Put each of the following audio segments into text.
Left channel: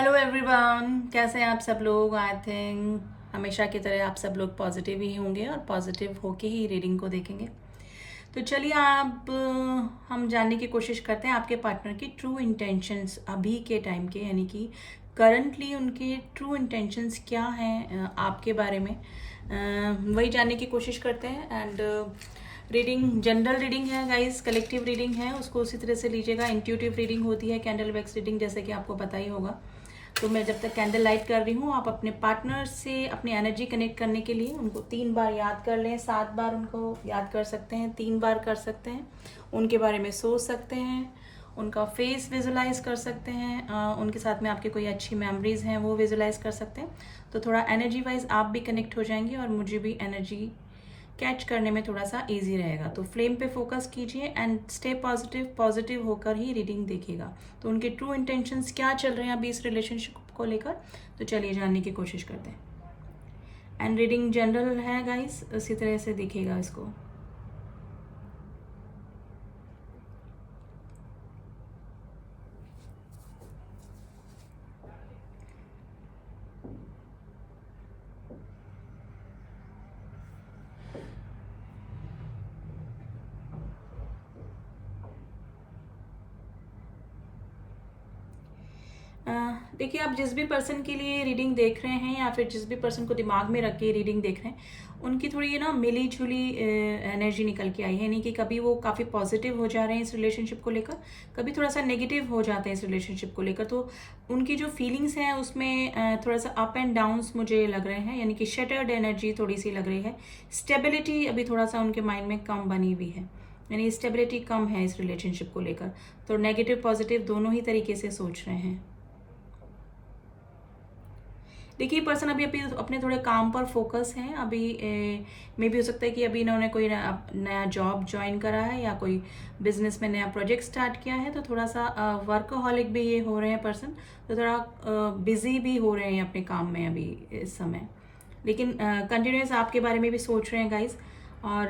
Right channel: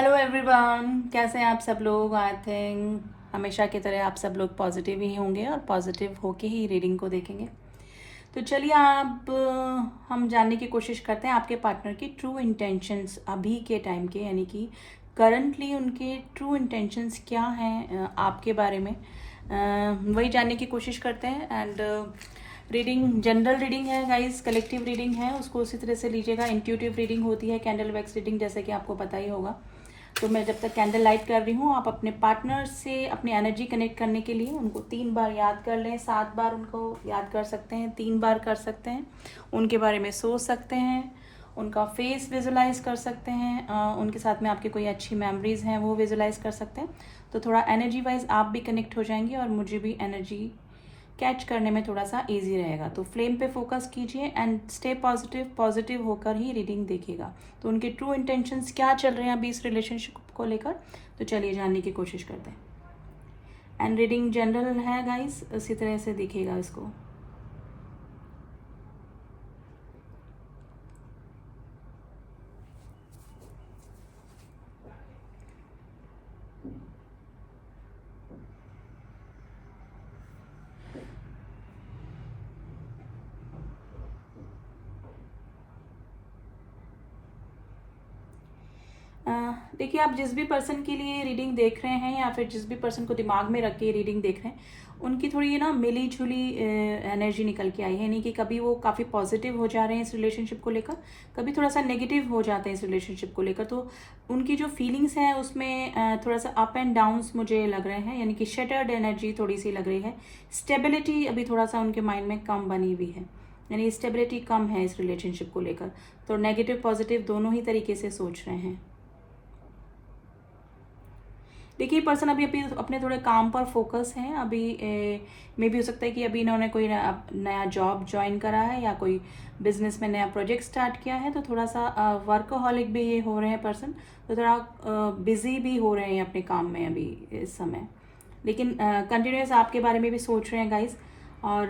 Hello everyone, कैसे हैं आप सब लोग। आई थिंक हमेशा की तरह आप सब लोग पॉजिटिव ही होंगे और पॉजिटिव होके ही रीडिंग को देखेंगे। तो चलिए आप हम जानने की कोशिश करते हैं आपके पार्टनर की ट्रू इंटेंशंस अभी के टाइम के, यानी कि करंटली उनके ट्रू इंटेंशंस क्या हैं आपके बारे में। वही जानने की कोशिश करते हैं। एंड रीडिंग जनरल रीडिंग है गाइस, कलेक्टिव रीडिंग है, उसको उसी तरह से लीजिएगा। इंट्यूटिव रीडिंग होती है, कैंडल वैक्स रीडिंग, जैसे कि आपको पता ही होगा। तो मैं जब तक कैंडल लाइट कर रही हूँ, आप अपने पार्टनर से अपनी एनर्जी कनेक्ट करने के लिए उनको 3 बार याद कर लें, 7 बार उनको याद कर सकते हैं, 3 बार कर सकते हैं, उनके बारे में सोच सकते हैं, उनका फेस विजुलाइज कर सकते हैं, उनके साथ में आपके कोई अच्छी मेमोरीज हैं वो विजुलाइज कर सकते हैं। तो थोड़ा एनर्जी वाइज आप भी कनेक्ट हो जाएंगे और मुझे भी एनर्जी कैच करने में थोड़ा सा इजी रहेगा। तो फ्लेम पे फोकस कीजिए एंड स्टे पॉजिटिव, पॉजिटिव होकर ही रीडिंग देखिएगा। तो उनके ट्रू इंटेंशंस क्या चल रहे हैं अभी इस रिलेशनशिप को लेकर, तो चलिए जानने की कोशिश करते हैं। एंड रीडिंग जनरल है गाइस, उसी तरह से दिखेगा इसको। देखिए, आप जिस भी पर्सन के लिए रीडिंग देख रहे हैं या फिर जिस भी पर्सन को दिमाग में रख के रीडिंग देख रहे हैं, उनकी थोड़ी ना मिली जुली एनर्जी निकल के आई है। यानी कि कभी वो काफ़ी पॉजिटिव हो जा रहे हैं इस रिलेशनशिप को लेकर, कभी थोड़ा सा नेगेटिव हो जाते हैं इस रिलेशनशिप को लेकर। तो उनकी जो फीलिंग्स हैं उसमें थोड़ा सा अप एंड डाउन्स मुझे लग रहे हैं, यानी कि शटर्ड एनर्जी थोड़ी सी लग रही है। स्टेबिलिटी अभी थोड़ा सा उनके माइंड में कम बनी हुई है, यानी स्टेबिलिटी कम है इस रिलेशनशिप को लेकर। तो नेगेटिव पॉजिटिव दोनों ही तरीके से सोच रहे हैं। देखिए, पर्सन अभी अभी अपने थोड़े काम पर फोकस हैं। अभी मे भी हो सकता है कि अभी इन्होंने कोई नया जॉब ज्वाइन करा है या कोई बिजनेस में नया प्रोजेक्ट स्टार्ट किया है। तो थोड़ा सा वर्कहॉलिक भी ये हो रहे हैं पर्सन, तो थोड़ा बिजी भी हो रहे हैं अपने काम में अभी इस समय। लेकिन कंटिन्यूस आपके बारे में भी सोच रहे हैं गाइज। और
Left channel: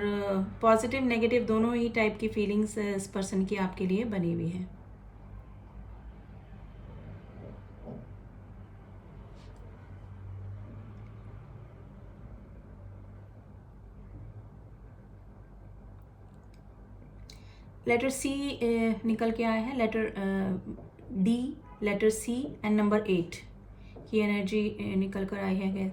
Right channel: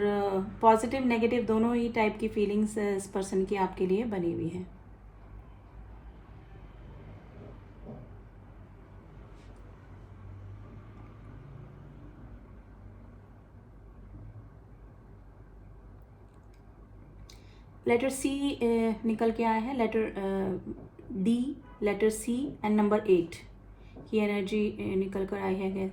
पॉजिटिव नेगेटिव दोनों ही टाइप की फीलिंग्स इस पर्सन की आपके लिए बनी हुई है। लेटर सी निकल के आया है, letter D, letter C and number 8 की एनर्जी निकल कर आई है गैस।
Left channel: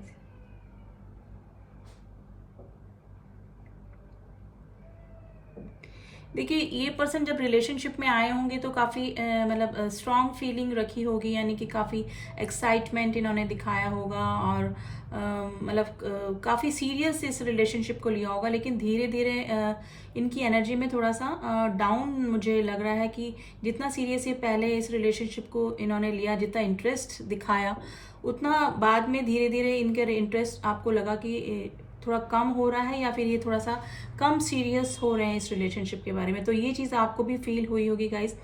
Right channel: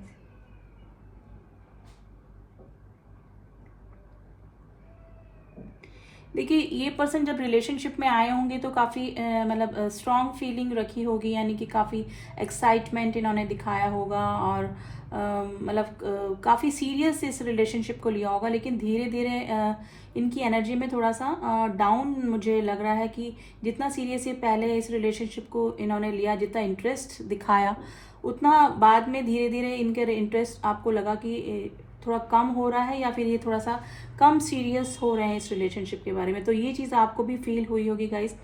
देखिए, ये पर्सन जब रिलेशनशिप में आए होंगे तो काफ़ी मतलब स्ट्रॉन्ग फीलिंग रखी होगी, यानी कि काफ़ी एक्साइटमेंट इन्होंने दिखाया होगा और मतलब काफ़ी सीरियस इस रिलेशनशिप को लिया होगा। लेकिन धीरे धीरे इनकी एनर्जी में थोड़ा सा डाउन मुझे लग रहा है कि जितना सीरियस ये पहले इस रिलेशनशिप को इन्होंने लिया, जितना इंटरेस्ट दिखाया, उतना बाद में धीरे धीरे इनके इंटरेस्ट आपको लगा कि थोड़ा कम हो रहा है या फिर ये थोड़ा सा कम सीरियस हो रहे हैं इस रिलेशनशिप के बारे में। तो ये चीज़ आपको भी फील हुई होगी गाइस।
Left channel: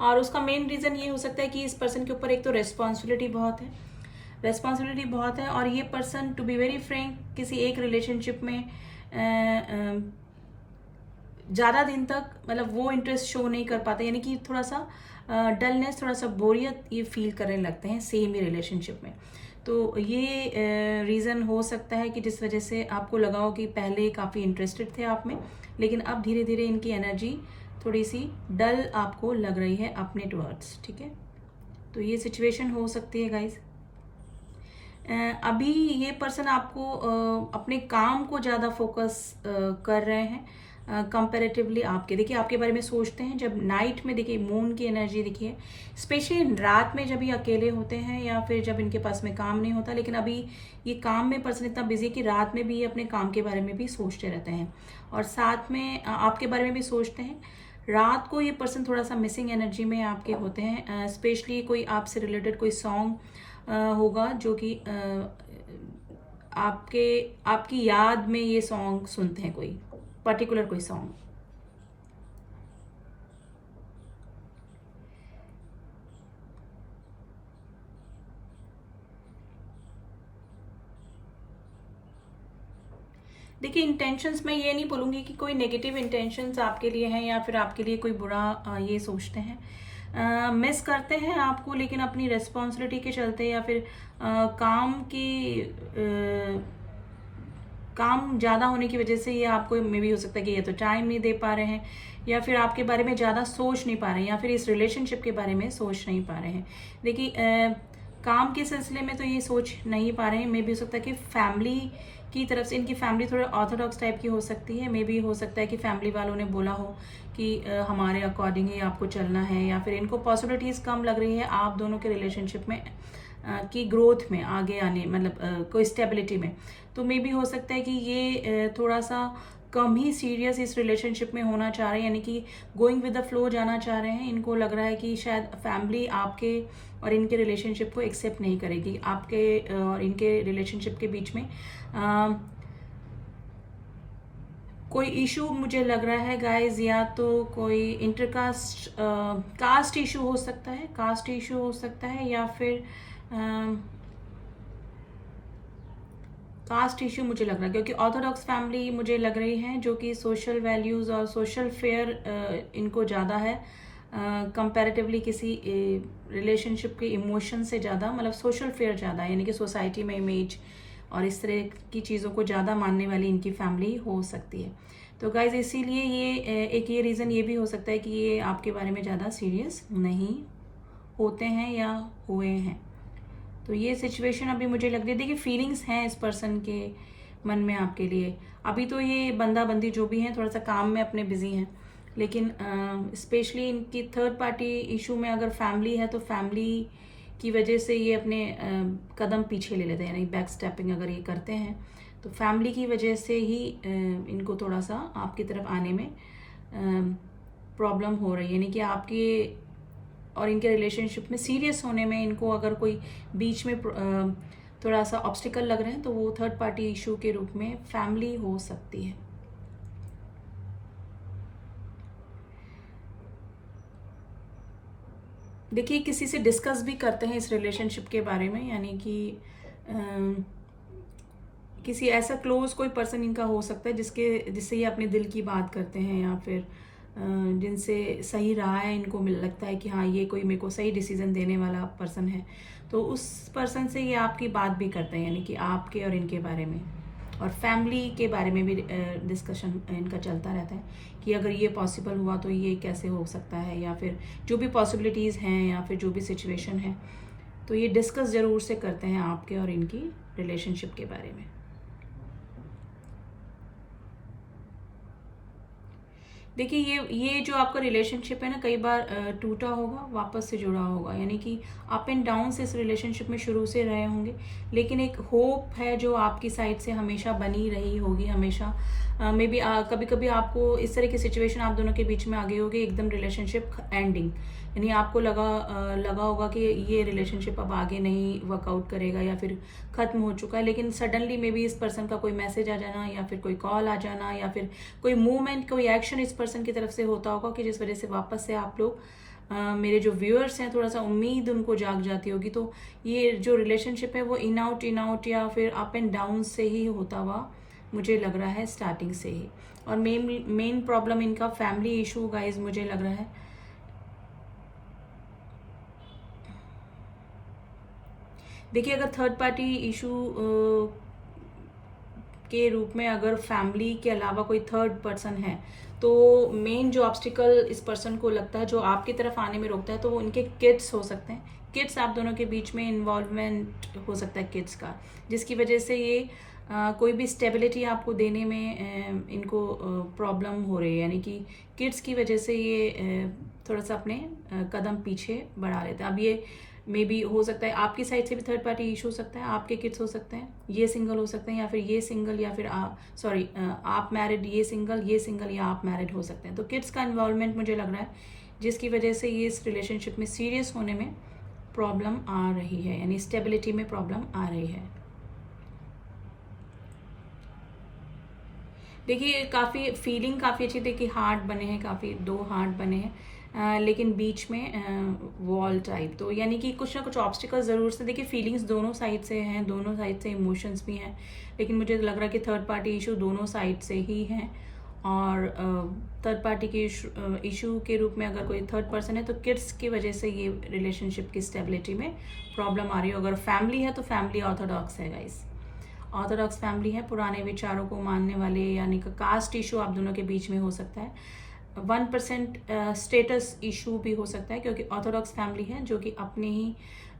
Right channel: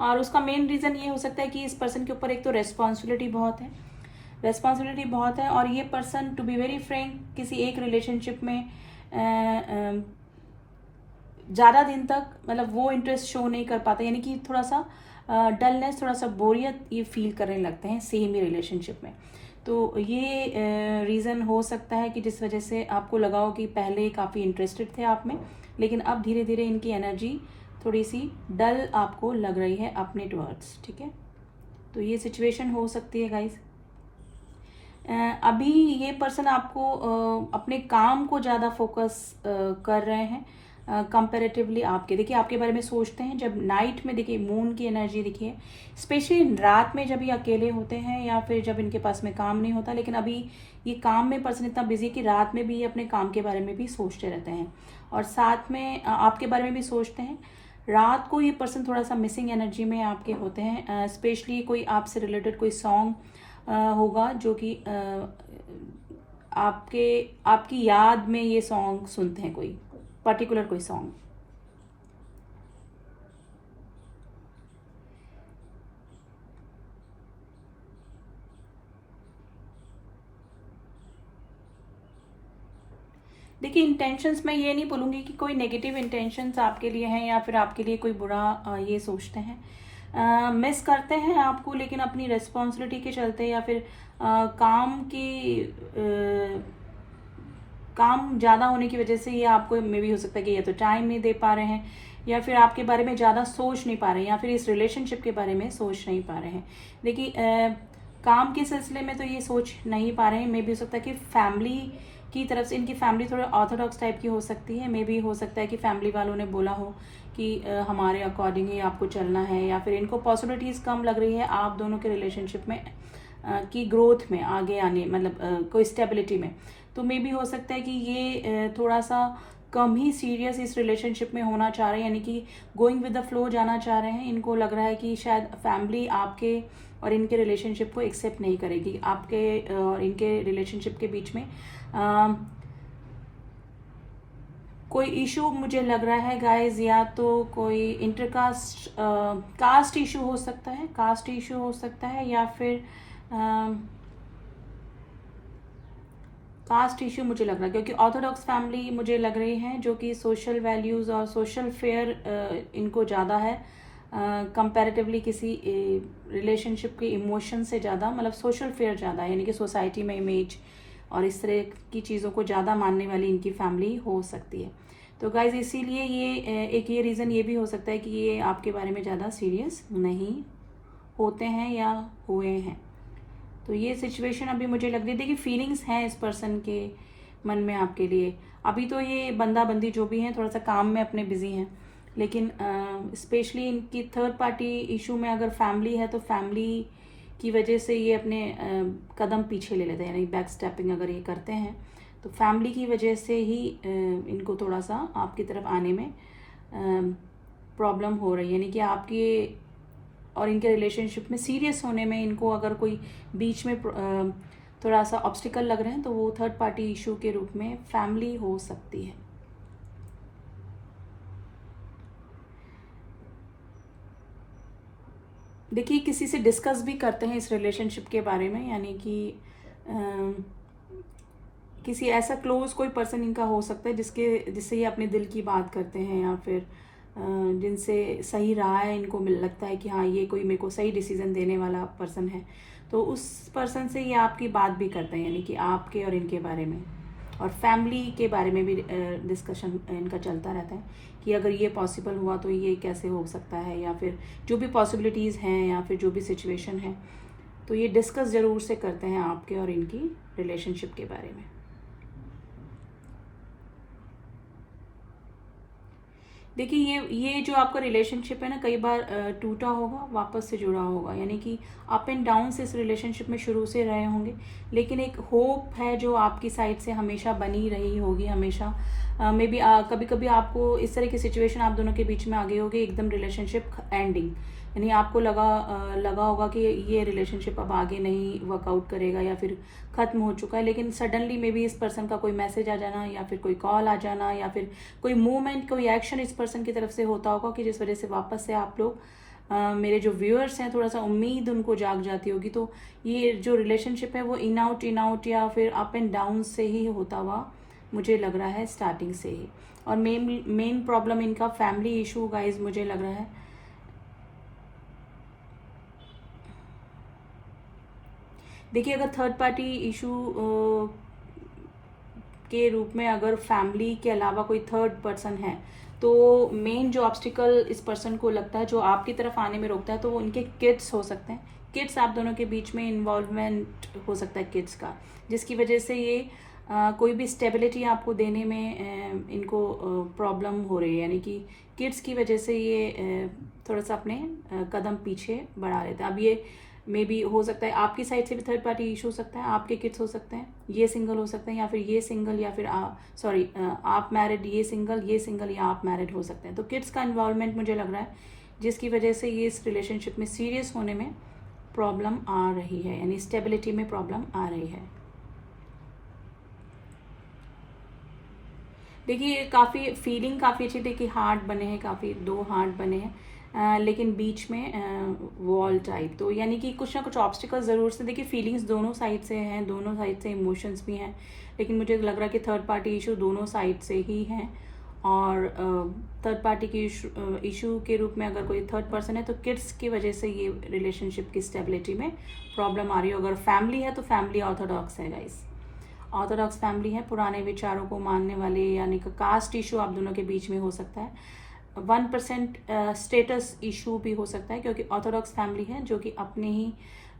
और उसका मेन रीज़न ये हो सकता है कि इस पर्सन के ऊपर एक तो रेस्पॉन्सिबिलिटी बहुत है, रेस्पॉन्सिबिलिटी बहुत है। और ये person to be very frank किसी एक रिलेशनशिप में ज़्यादा दिन तक मतलब वो इंटरेस्ट शो नहीं कर पाते, यानी कि थोड़ा सा डलनेस, थोड़ा सा बोरियत ये फील करने लगते हैं सेम ही रिलेशनशिप में। तो ये रीज़न हो सकता है कि जिस वजह से आपको लगा हो कि पहले काफ़ी इंटरेस्टेड थे आप में, लेकिन अब धीरे धीरे इनकी एनर्जी थोड़ी सी डल आपको लग रही है अपने टवर्ड्स। ठीक है, तो ये सिचुएशन हो सकती है गाइज। अभी ये पर्सन आपको अपने काम को ज़्यादा फोकस कर रहे हैं कंपेरेटिवली आपके। देखिए, आपके बारे में सोचते हैं जब नाइट में, देखिए मून की एनर्जी दिखिए, स्पेशली रात में जब ये अकेले होते हैं या फिर जब इनके पास में काम नहीं होता। लेकिन अभी ये काम में पर्सन इतना बिजी है कि रात में भी ये अपने काम के बारे में भी सोचते रहते हैं और साथ में आपके बारे में भी सोचते हैं। रात को ये पर्सन थोड़ा सा मिसिंग एनर्जी में आपके होते हैं। स्पेशली कोई आपसे रिलेटेड कोई सॉन्ग होगा जो कि आपके आपकी याद में ये सॉन्ग सुनते हैं, कोई पर्टिकुलर कोई सॉन्ग। देखिए, इंटेंशंस मैं ये नहीं बोलूँगी कि कोई नेगेटिव इंटेंशंस आपके लिए हैं या फिर आपके लिए कोई बुरा ये सोचते हैं। मिस करते हैं आपको, लेकिन अपनी रिस्पॉन्सिबिलिटी के चलते या फिर काम ज़्यादा होने की वजह से ये आपको मे भी हो सकता है कि ये तो टाइम नहीं दे पा रहे हैं, या फिर आपके बारे में ज़्यादा सोच नहीं पा रहे हैं, या फिर इस रिलेशनशिप के बारे में सोच नहीं पा रहे हैं। देखिए काम के सिलसिले में तो ये सोच नहीं पा रहे हैं। मे भी हो सकता है कि फैमिली की तरफ से, इनकी फैमिली थोड़ा ऑर्थोडॉक्स टाइप की हो सकती है। मे भी हो सकता है कि फैमिली वालों ने बोला हो कि हमारे अकॉर्डिंग ही आपको चलना है, या फिर इनको पॉसिबिलिटीज़ कम लग रही है आप दोनों के रिलेशनशिप में की ग्रोथ में, आगे आने, मतलब कोई स्टेबिलिटी में। तो मे भी हो सकता है कि ये थोड़ा सा कम ही सीरियस इस रिलेशनशिप में होना चाह रहे हैं, यानी कि गोइंग विद द फ्लो जाना चाह रहे हैं। इनको लग रहा है कि शायद फैमिली आपके और इनके रिलेशनशिप को एक्सेप्ट नहीं करेगी। आपके और इनके रिलेशनशिप के बीच में कोई इशू मुझे लग रहा है गाइज, या तो कोई इंटरकास्ट कास्ट इशू हो सकता है, कास्ट इशू हो सकता है, या फिर कास्ट इशू मुझे लग रहा है, क्योंकि ऑर्थोडॉक्स फैमिली मुझे लग रही है जो कि सोशल वैल्यूज और सोशल फेयर इनको ज़्यादा है कंपैरेटिवली किसी रिलेशनशिप के इमोशन से ज़्यादा, मतलब सोशल फेयर ज़्यादा है, यानी कि सोसाइटी में इमेज और इस तरह की चीज़ों को ज़्यादा मानने वाली इनकी फैमिली हो सकती है। तो गाइज इसीलिए ये एक ये रीज़न ये भी हो सकता है कि ये आपके बारे में ज़्यादा सीरियस नहीं होते हैं या हुए हैं। तो ये सिचुएशन अभी मुझे लग रही है। देखिए फीलिंग्स हैं इस पर्सन के मन में आपके लिए। अभी तो ये बंदा बंदी जो भी हैं थोड़ा सा काम में अपने बिजी हैं, लेकिन स्पेशली इनकी थर्ड पार्टी इशू में अगर फैमिली है तो फैमिली की वजह से ये अपने कदम पीछे ले लेते हैं, यानी बैक स्टेपिंग अगर ये करते हैं तो फैमिली की वजह से ही इनको थोड़ा सा आपकी तरफ आने में प्रॉब्लम हो रही है, यानी कि आपके और इनके रिलेशनशिप में सीरियस होने में इनको अगर कोई बीच में थोड़ा सा ऑब्स्टिकल लग रहे हैं तो वो थर्ड पार्टी इशू के रूप में फैमिली हो सकती है। देखिए किसी से डिस्कस भी करते हैं इस रिलेशनशिप के बारे में, यानी कि किसी ऐसा क्लोज कोई पर्सन इनका हो सकता है जिससे ये अपने दिल की बात करते हैं, या फिर जिनसे सही रहा है, इनको लगता है कि हाँ ये कोई मेरे को सही डिसीजन देने वाला पर्सन है, तो उस पर्सन से ये आपकी बात भी करते हैं, यानी कि आपके और इनके बारे में, और फैमिली के बारे में भी डिस्कशन इनका चलता रहता है कि अगर ये पॉसिबल हुआ तो ये कैसे हो सकता है, या फिर जो भी पॉसिबिलिटीज़ हैं या फिर जो भी सिचुएशन है, तो ये डिस्कस ज़रूर से करते हैं आपके और इनकी रिलेशनशिप के बारे में। देखिए ये जो आपका रिलेशनशिप है ना, कई बार टूटा होगा, वापस से जुड़ा होगा, यानी कि अप एंड डाउन से इस रिलेशनशिप में शुरू से रहे होंगे, लेकिन एक होप है जो आपकी साइड से हमेशा बनी रही होगी, हमेशा मे बी कभी कभी आपको इस तरह की सिचुएशन आप दोनों के बीच में आ गई होगी, एकदम रिलेशनशिप एंडिंग, यानी आपको लगा होगा कि ये रिलेशनशिप अब आगे नहीं वर्कआउट करेगा या फिर खत्म हो चुका है, लेकिन सडनली मे बी इस पर्सन का कोई मैसेज आ जाना, या फिर कोई कॉल आ जाना, या फिर कोई मूवमेंट, कोई एक्शन इस पर्सन की तरफ से होता होगा कि जिस वजह से वापस से आप लोग मेरे जो व्यूअर्स हैं थोड़ा सा उम्मीद उनको जाग जाती होगी। तो ये जो रिलेशनशिप है वो इन आउट या फिर अप एंड डाउन से ही होता हुआ मुझे लग रहा है, स्टार्टिंग से ही। और मेन प्रॉब्लम इनका फैमिली इशू गाइज मुझे लग रहा है। देखिए अगर थर्ड पार्टी इशू के रूप में अगर फैमिली के अलावा कोई थर्ड पर्सन है, तो मेन जो ऑब्स्टिकल इस पर्सन को लगता है जो आपकी तरफ आने में रोकता है, तो वो उनके किड्स हो सकते हैं। किड्स, आप दोनों के बीच में इन्वॉल्वमेंट हो सकता है किड्स का, जिसकी वजह से ये कोई भी स्टेबिलिटी आपको देने में इनको प्रॉब्लम हो रही है, यानी कि किड्स की वजह से ये थोड़ा सा अपने कदम पीछे बढ़ा लेते हैं। अब ये मे बी हो सकता है आपकी साइड से भी थर्ड पार्टी इशू हो सकता है, आपके किड्स हो सकते हैं, ये सिंगल हो सकते हैं, या फिर ये सिंगल, या फिर आप मैरिड, ये सिंगल या आप मैरिड हो सकते हैं। तो किड्स का इन्वॉल्वमेंट मुझे लग रहा है जिसकी वजह से ये इस रिलेशनशिप में सीरियस होने में प्रॉब्लम आ रही है, यानी स्टेबिलिटी में प्रॉब्लम आ रही है। देखिए फीलिंग काफ़ी अच्छी थी कि हार्ट बने हैं, काफ़ी 2 हार्ट बने हैं, लेकिन बीच में वॉल टाइप, तो यानी कि कुछ ना कुछ ऑब्स्टिकल ज़रूर से। देखिए फीलिंग्स दोनों साइड से हैं, दोनों साइड से इमोशंस भी हैं, लेकिन मुझे लग रहा है कि थर्ड पार्टी इशू दोनों साइड से ही हैं, और थर्ड पार्टी की इशू के रूप में अगर कोई थर्ड पर्सन है तो किड्स की वजह से ये रिलेशनशिप की स्टेबिलिटी में प्रॉब्लम आ रही है। अगर फैमिली है तो फैमिली ऑर्थोडॉक्स है गाइस, ऑर्थोडॉक्स फैमिली है, पुराने विचारों को मानने वाले, यानी कि कास्ट इशू आप दोनों के बीच में हो सकता है। 1% स्टेटस इशू भी हो सकता है, क्योंकि ऑर्थोडॉक्स फैमिली है जो कि अपने ही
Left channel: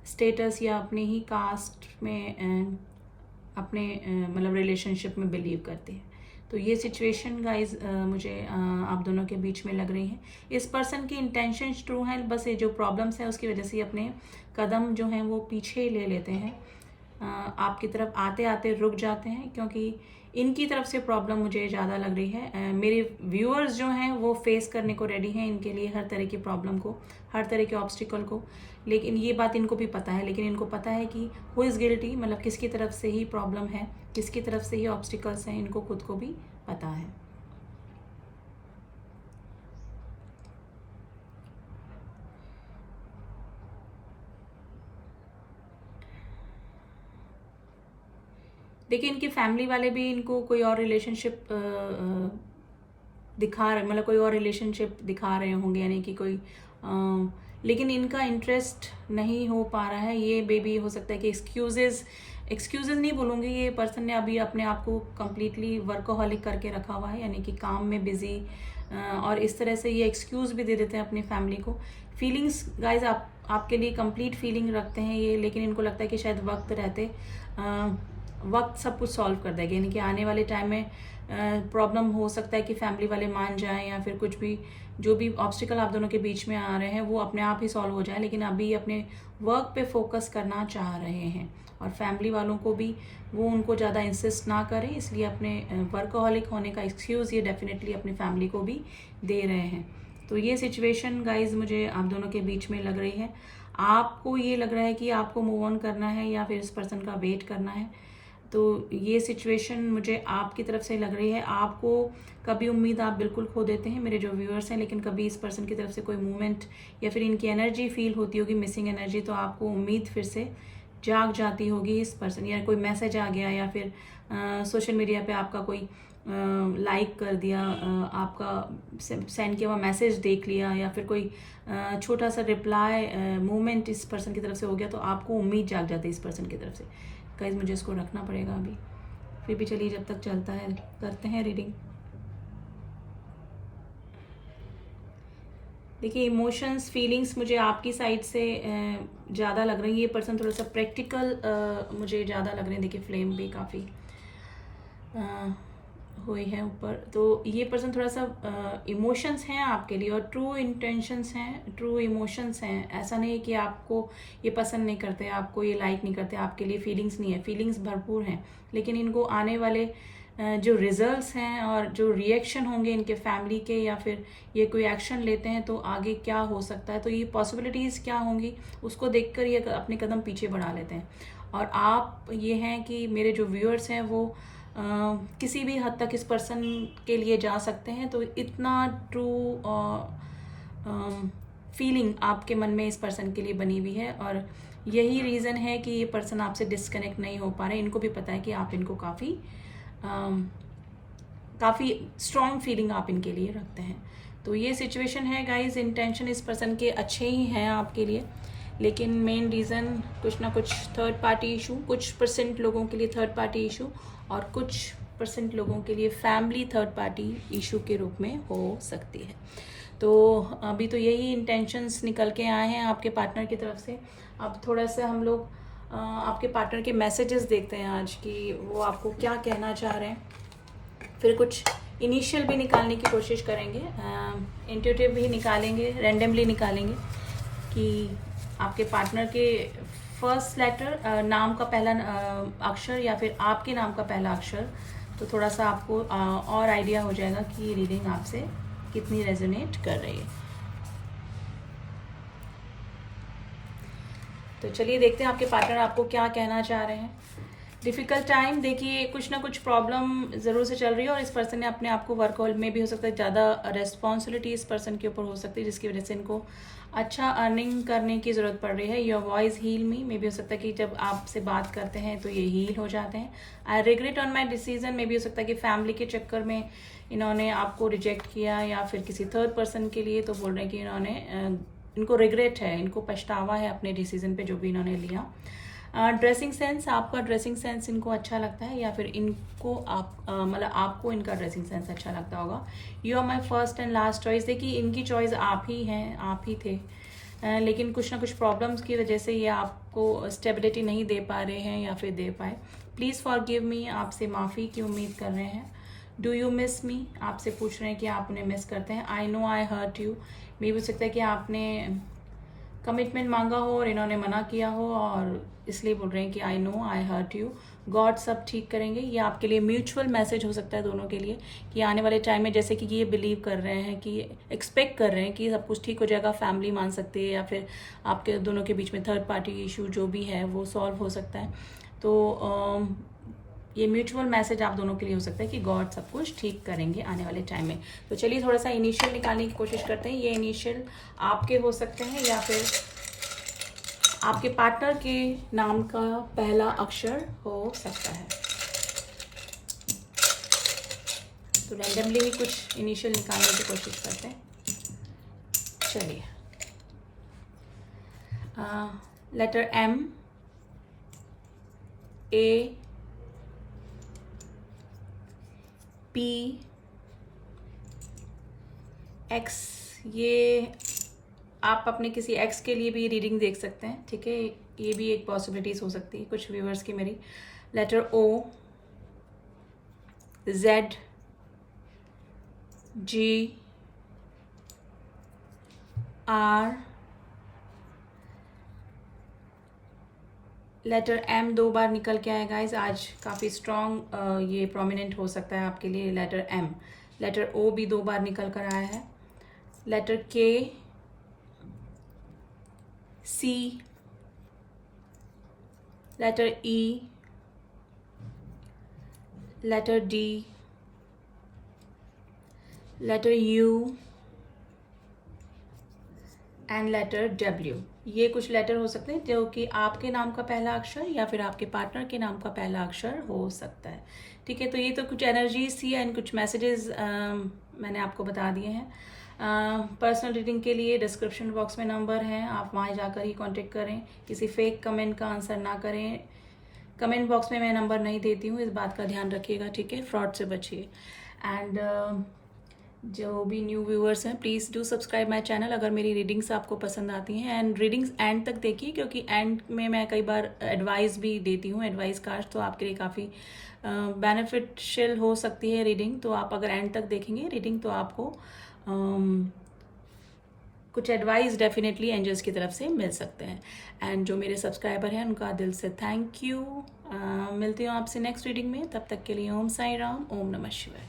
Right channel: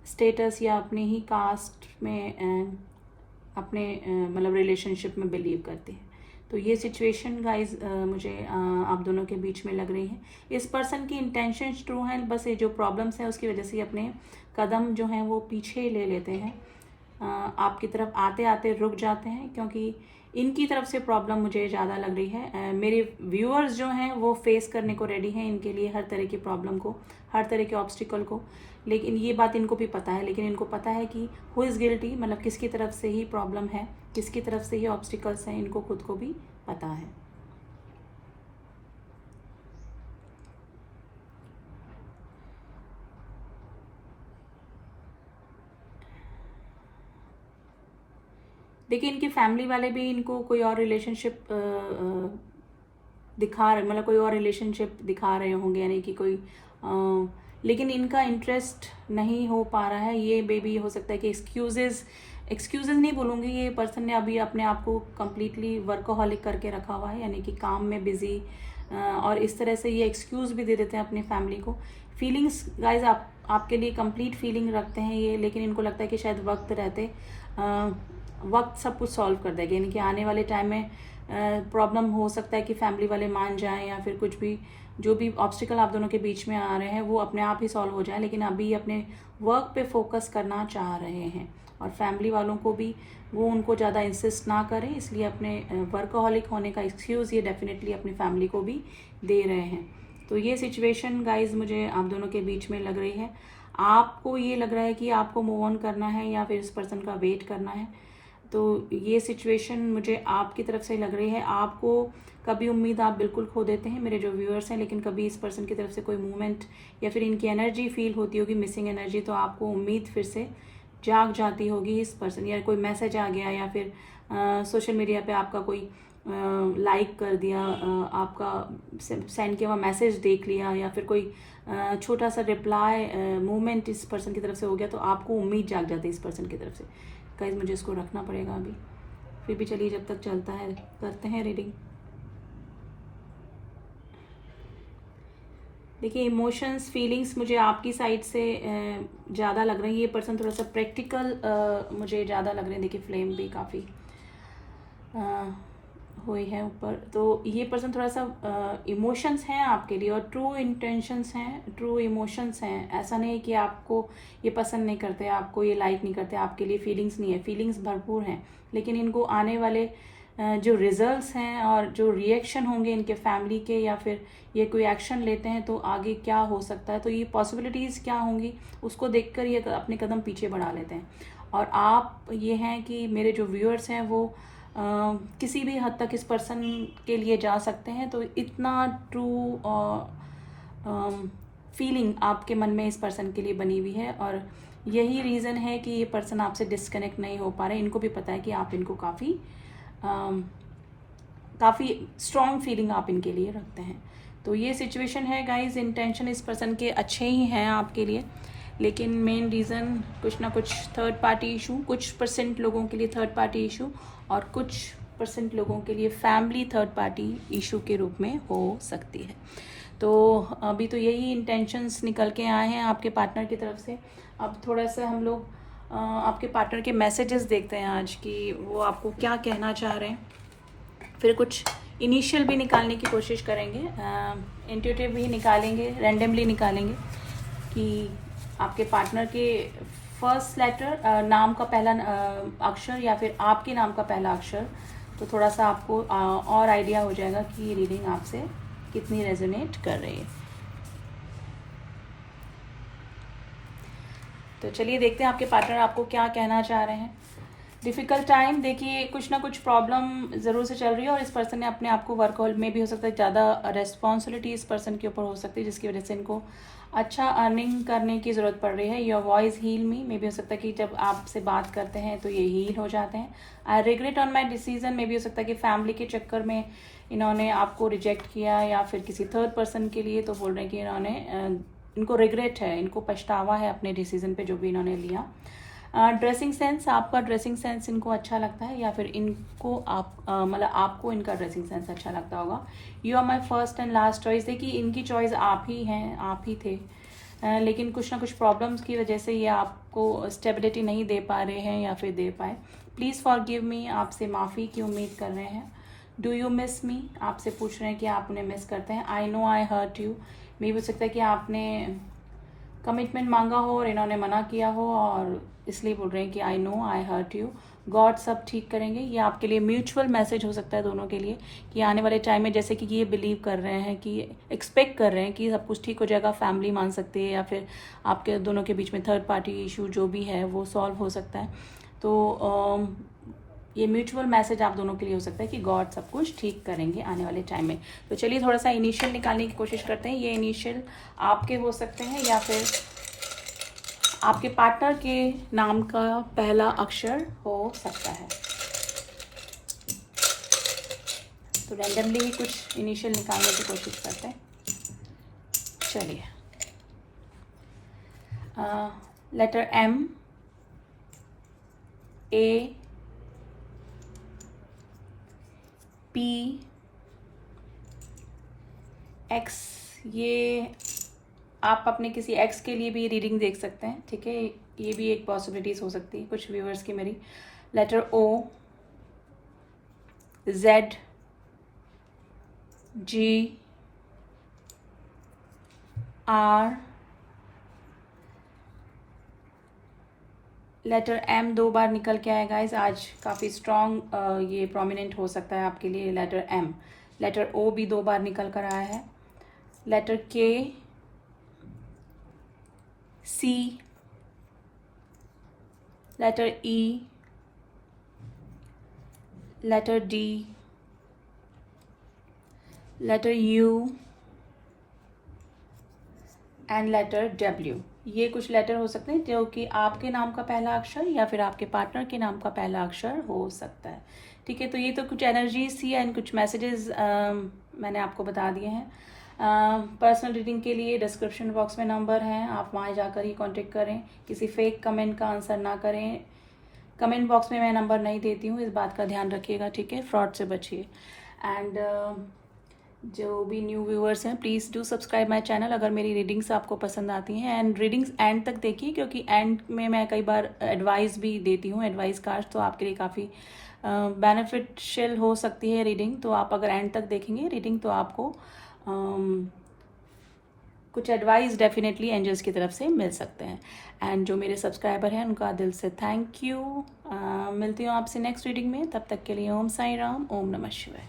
स्टेटस या अपने ही कास्ट में अपने मतलब रिलेशनशिप में बिलीव करते हैं। तो ये सिचुएशन गाइज मुझे आप दोनों के बीच में लग रही है। इस पर्सन की इंटेंशंस ट्रू हैं, बस ये जो प्रॉब्लम्स है उसकी वजह से अपने कदम जो हैं वो पीछे ले लेते हैं, आपकी तरफ आते आते रुक जाते हैं, क्योंकि इनकी तरफ से प्रॉब्लम मुझे ज़्यादा लग रही है। मेरे व्यूअर्स जो हैं वो फेस करने को रेडी हैं इनके लिए हर तरह की प्रॉब्लम को, हर तरह के ऑब्स्टिकल को, लेकिन ये बात इनको भी पता है, लेकिन इनको पता है कि हु इज़ गिल्टी, मतलब किसकी तरफ से ही प्रॉब्लम है, किसकी तरफ से ही ऑब्स्टिकल्स हैं, इनको खुद को भी पता है। देखिए इनकी फैमिली वाले भी इनको कोई और रिलेशनशिप दिखा रहे, मतलब कोई और रिलेशनशिप दिखा रहे होंगे, यानी कि कोई लेकिन इनका इंटरेस्ट नहीं हो पा रहा है। ये बेबी हो सकता है कि एक्सक्यूजेज नहीं बोलूँगी, ये पर्सन ने अभी अपने आप को कम्प्लीटली वर्कोहॉलिक करके रखा हुआ है, यानी कि काम में बिजी, और इस तरह से ये एक्सक्यूज़ भी दे देते हैं अपनी फैमिली को। फीलिंग्स गाइज आपके लिए कंप्लीट फीलिंग रखते हैं ये, लेकिन इनको लगता है कि शायद वक्त रहते वक्त सब कुछ सॉल्व कर देगा, यानी कि आने वाले टाइम में प्रॉब्लम हो सकता है कि फैमिली वाले मान जाएं, या फिर कुछ भी जो भी ऑब्स्टिकल आप दोनों के बीच में आ रहे हैं वो अपने आप ही सॉल्व हो जाए, लेकिन अभी अपने वर्क पे फोकस करना चाह रहे हैं, और फैमिली वालों को भी वो उनको ज़्यादा इंसिस्ट ना करें, इसलिए अपने वर्कहॉलिक होने का एक्सक्यूज़ ये डेफिनेटली अपनी फैमिली को भी दे रहे हैं। तो ये सिचुएशन गाइज मुझे आप दोनों के बीच में लग रही है। आपको ये लग रहा है कि आपको मूव ऑन करना है या फिर इस पर्सन का वेट करना है, तो ये सिचुएशन मुझे आपकी तरफ से लग रही है। आपको कभी उम्मीद आप बिल्कुल खो देते हैं मेरे जो व्यूअर्स हैं, लेकिन कभी इस पर्सन की तरफ से कोई मूवमेंट या फिर इनकी एनर्जी फील होती होगी, मिसिंग एनर्जी, तो आपको उम्मीद फिर से जाग जाती होगी इस पर्सन, या कोई मैसेज आ गया, या फिर सोशल मीडिया पे आपका कोई लाइक कर दिया, आपका सेंड किया हुआ मैसेज देख लिया, या फिर कोई छोटा सा रिप्लाई मूवमेंट इस पर्सन की तरफ से हो गया, तो आपको उम्मीद जाग जाती है इस पर्सन की तरफ से। गाइस मुझे इसको रखना पड़ेगा अभी, फिर भी चलिए जब तक चलता है करते हैं रीडिंग। देखिए इमोशंस फीलिंग्स मुझे आपकी साइड से ज़्यादा लग रही है। ये पर्सन थोड़ा सा प्रैक्टिकल मुझे ज़्यादा लग रहे हैं। देखिए फ्लेम भी काफ़ी हुई है ऊपर, तो ये पर्सन थोड़ा सा इमोशंस हैं आपके लिए, और ट्रू इंटेंशंस हैं, ट्रू इमोशंस हैं। ऐसा नहीं कि आपको ये पसंद नहीं करते, आपको ये लाइक नहीं करते, आपके लिए फीलिंग्स नहीं है, फीलिंग्स भरपूर हैं, लेकिन इनको आने वाले जो रिजल्ट्स हैं और जो रिएक्शन होंगे इनके फैमिली के, या फिर ये कोई एक्शन लेते हैं तो आगे क्या हो सकता है, तो ये पॉसिबिलिटीज़ क्या होंगी उसको देखकर ये अपने कदम पीछे बढ़ा लेते हैं। और आप ये हैं कि मेरे जो व्यूअर्स हैं वो किसी भी हद तक इस पर्सन के लिए जा सकते हैं, तो इतना ट्रू फीलिंग आपके मन में इस पर्सन के लिए बनी हुई है, और यही रीज़न है कि ये पर्सन आपसे डिस्कनेक्ट नहीं हो पा रहे। इनको भी पता है कि आप इनको काफ़ी स्ट्रॉन्ग फीलिंग आप इनके लिए रखते हैं। तो ये सिचुएशन है गाइस, इंटेंशन इस पर्सन के अच्छे ही हैं आपके लिए, लेकिन मेन रीज़न कुछ ना कुछ थर्ड पार्टी इशू, कुछ परसेंट लोगों के लिए थर्ड पार्टी इशू, और कुछ परसेंट लोगों के लिए फैमिली थर्ड पार्टी इशू के रूप में हो सकती है। तो अभी तो यही इंटेंशंस निकल के आए हैं आपके पार्टनर की तरफ से। अब थोड़ा सा हम लोग आपके पार्टनर के मैसेजेस देखते हैं आज कि वो आपको क्या कहना चाह रहे हैं, फिर कुछ इनिशियल भी निकालने की कोशिश करेंगे, इंट्यूटिव भी निकालेंगे, रैंडमली निकालेंगे कि आपके पार्टनर के फर्स्ट लेटर, नाम का पहला अक्षर, या फिर आपके नाम का पहला अक्षर, तो थोड़ा सा आपको और आइडिया हो जाएगा कि ये रीडिंग आपसे कितनी रेजोनेट कर रही है। तो चलिए देखते हैं आपके पार्टनर आपको क्या कहना चाह रहे हैं। डिफ़िकल्ट टाइम, देखिए कुछ ना कुछ प्रॉब्लम ज़रूर से चल रही है और इस पर्सन ने अपने आप को वर्क में भी हो सकता है ज़्यादा रेस्पॉन्सिबिलिटी इस पर्सन के ऊपर हो सकती है, जिसकी वजह से इनको अच्छा अर्निंग करने की ज़रूरत पड़ रही है। योर वॉइस हील मी, मे भी हो सकता है कि जब आपसे बात करते हैं तो ये हील हो जाते हैं। I regret on my decision, मे भी हो सकता है कि फैमिली के चक्कर में इन्होंने आपको रिजेक्ट किया या फिर किसी थर्ड पर्सन के लिए, तो बोल रहे हैं कि इनको रिग्रेट है, इनको पछतावा है अपने डिसीजन पे जो भी इन्होंने लिया। ड्रेसिंग सेंस, आपका ड्रेसिंग सेंस इनको अच्छा लगता है या फिर इनको मतलब आपको इनका ड्रेसिंग सेंस अच्छा लगता होगा। You are my first and last choice, देखिए इनकी चॉइस आप ही हैं, आप ही थे, लेकिन कुछ ना कुछ प्रॉब्लम्स की वजह से ये आपको स्टेबिलिटी नहीं दे पा रहे हैं या फिर दे पाए। प्लीज़ फॉरगिव मी, आपसे माफ़ी की उम्मीद कर रहे हैं। डू यू मिस मी, आपसे पूछ रहे हैं कि आप उन्हें मिस करते हैं। I know I hurt you, मे हो सकता है कि आपने कमिटमेंट मांगा हो और इन्होंने मना किया हो और इसलिए बोल रहे हैं कि I know I hurt you. God सब ठीक करेंगे, ये आपके लिए म्यूचुअल मैसेज हो सकता है दोनों के लिए कि आने वाले टाइम में जैसे कि ये बिलीव कर रहे हैं कि एक्सपेक्ट कर रहे हैं कि सब कुछ ठीक हो जाएगा, फैमिली मान सकती है या फिर आपके दोनों के बीच में थर्ड पार्टी इशू जो भी है वो सॉल्व हो सकता है। तो ये म्यूचुअल मैसेज आप दोनों के लिए हो सकता है कि गॉड सब कुछ ठीक करेंगे आने वाले टाइम में। तो चलिए थोड़ा सा इनिशियल निकालने की कोशिश करते हैं। ये इनिशियल आपके हो सकते हैं या फिर आपके पार्टनर के नाम का पहला अक्षर हो सकता है। तो रैंडमली ही कुछ इनिशियल निकालने की कोशिश करते हैं। चलिए, letter M, A, P, X, ये आप अपने किसी एक्स के लिए भी रीडिंग देख सकते हैं, ठीक है, ये भी एक पॉसिबिलिटीज हो सकती है कुछ व्यूअर्स की मेरी। Letter O, Z, G, R, letter M 2 बार निकल के आया गाइस, आज काफ़ी स्ट्रॉन्ग ये प्रोमिनेंट हो सकता है आपके लिए लेटर M। लेटर O भी 2 बार निकल कर आया है। Letter K, C, letter E, letter D, letter U and letter W। ये कुछ लेटर हो सकते हैं जो कि आपके नाम का पहला अक्षर या फिर आपके पार्टनर के नाम का पहला अक्षर हो सकता है, ठीक है। तो ये तो कुछ एनर्जीज थी एंड कुछ मैसेजेस मैंने आपको बता दिए हैं। पर्सनल रीडिंग के लिए डिस्क्रिप्शन बॉक्स में नंबर हैं, आप वहाँ जाकर ही कांटेक्ट करें। किसी फेक कमेंट का आंसर ना करें, कमेंट बॉक्स में मैं नंबर नहीं देती हूँ, इस बात का ध्यान रखिएगा, ठीक है। फ्रॉड से बचिए। एंड जो भी न्यू व्यूअर्स हैं please do subscribe my channel अगर मेरी रीडिंग्स आपको पसंद आती हैं। एंड रीडिंग्स एंड तक देखिए क्योंकि एंड में मैं कई बार एडवाइस भी देती हूँ, एडवाइस कार्ड, तो आपके लिए काफ़ी बेनिफिशियल हो सकती है रीडिंग। तो आप अगर एंड तक देखेंगे रीडिंग तो आपको कुछ एडवाइस डेफिनेटली एंजल्स की तरफ से मिल सकते हैं। एंड जो मेरे सब्सक्राइबर हैं उनका दिल से थैंक यू। मिलती हूँ आपसे नेक्स्ट रीडिंग में, तब तक के लिए ओम साई राम, ओम नमः शिवाय।